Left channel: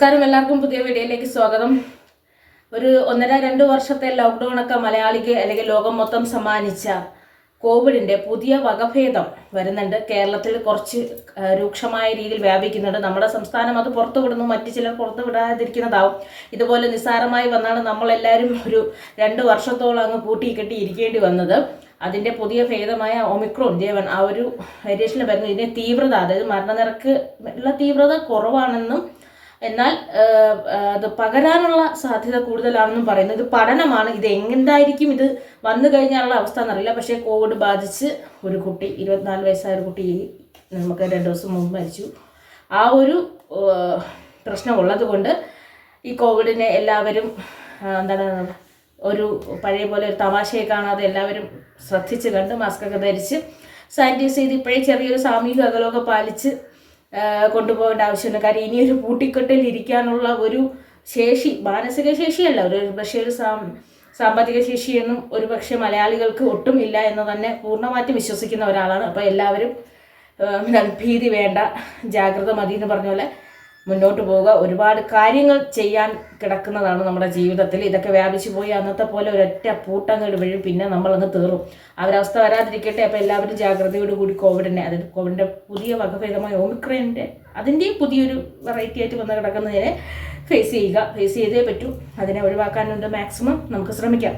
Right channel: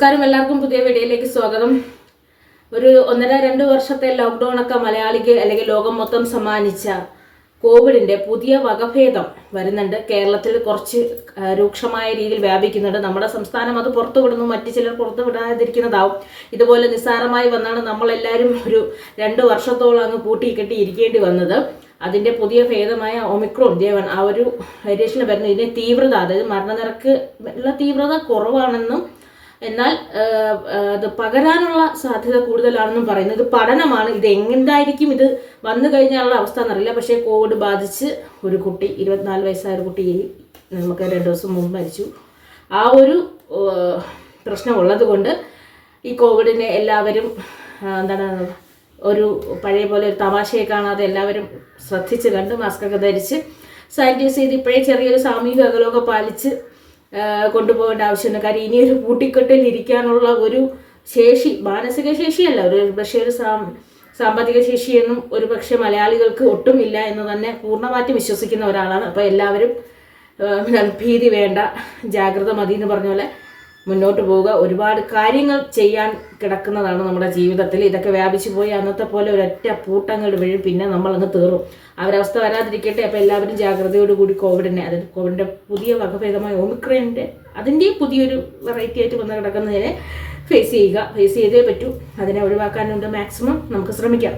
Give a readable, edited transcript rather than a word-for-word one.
നമസ്കാരം, എല്ലാവർക്കും പുതിയ വീഡിയോയിലേക്ക് സ്വാഗതം. ഒരു 1.5-2 വർഷത്തെ ലോക്ക്ഡൗൺ ഒക്കെ മലയാളിക്ക് അല്ലെങ്കിൽ ലോകം മൊത്തം സമ്മാനിച്ച കോവിഡിന്റെ പുതിയ വകഭേദം വരുന്നുണ്ട്. കേരളത്തിൽ കുറച്ച് രൂക്ഷമായ രീതിയിൽ വ്യാപിക്കുന്നുണ്ട്. നമ്മുടെ സംസ്ഥാനം അത് പുറത്തുവിടുന്നു, മറ്റു ചിലർ പുറത്തു വിടാതിരിക്കുന്നതാവും. ഇതുപോലെ നിസ്സാരമായി വന്നാണ് നമ്മളെല്ലാവരും ഒരു 2 വർഷത്തോളം അങ്ങ് പൂട്ടിക്കെട്ടി ഇരിക്കേണ്ടി വന്നത്. അതിൻ്റെ പുതിയ ഭേദമായ ഒമിക്രോൺ ജെ1 ആ ഒരു വേരിയേഷനിൽ വരുന്നു. ഇതിൻ്റെ തീവ്രത, അതായത് മരണനിരക്ക് ഉള്ള തീവ്രത കുറവാണെന്നും എന്നാൽ അത് പകരാനുള്ള സാധ്യത കൂടുതലാണെന്നും പറയുന്നു. ഇത് പഠനമാണ്. ഇത് എങ്ങനെയായിരിക്കും ഇത് വന്നു കഴിഞ്ഞാലുള്ള അവസ്ഥ എന്നറിയില്ല. പക്ഷേ കോവിഡ് ബാധിച്ച് ഒരു കുട്ടി, 24 വയസ്സായ ഒരു കുട്ടി നമുക്ക് 2 ദിവസം മുമ്പ് മരിച്ചു. ആ ഒരു പ്രശ്നമുള്ളത് കൊണ്ട് ഈ കോവിഡിനെ എല്ലാവരും ഒരു പഴയ പോലെ ഒരു തമാശയെ കാണാതെ എല്ലാവരും ശ്രദ്ധിച്ച് കണ്ട് മാസ്കൊക്കെ ധരിച്ച് സാനിറ്റൈസ് ചെയ്ത് ഇപ്പോഴേ ചെറിയൊരു സാമൂഹിക അകലമൊക്കെ പാലിച്ച് കൊണ്ടുപോകേണ്ട ആവശ്യമുണ്ട്. കാര്യം ഇനിയൊരു കൂട്ടിക്കെട്ടിൽ ഇരിക്കാനുള്ള ഒരു ശേഷി, മാനസിക ശേഷിയല്ല, പക്ഷേ ഒരു സാമ്പത്തിക ശേഷിയൊന്നും ഒരു പക്ഷേ മലയാളികൾക്ക് ഒട്ടും ഇല്ല എന്ന് തന്നെ പൂർണ്ണമായിട്ട് വിശ്വസിക്കുന്ന ഒരാളാണ്. അപ്പോൾ എല്ലാവരും ഭീതി വേണ്ട, ജാഗ്രത മതി എന്ന് പറഞ്ഞ പോലെ മുന്നോട്ട് പോവുക. ഒരുപാട് കാര്യങ്ങൾ ചെയ്യാൻ കിടക്കുന്നതാണ് നമ്മുടെ ജീവിതത്തിൽ. ഇതൊക്കെ വ്യാപിച്ചു പോയി അന്നത്തെ പോലെ ഒരൊറ്റ പൂട്ടങ്ങൾ വീഴും, പിന്നെ നമ്മളങ്ങ് തീറും. അവരവസ്ഥ വരാതിരിക്കട്ടെ. അപ്പോൾ എല്ലാവരും ജാഗ്രതയോടുകൂടി കോവിഡിൻ്റെ പുതിയ വകഭേദമായ ഒമിക്രോണിൻ്റെ അതിൻ്റെയും പുതിയൊരു വെറൈറ്റി ആയിട്ട് വന്ന് കിടക്കുന്നതിനെ ഫേസ് ചെയ്തേ പറ്റൂ. അതിനെ ഒഴിവാക്കാനുണ്ട് മാക്സിമം നമുക്ക് ശ്രമിക്കാം.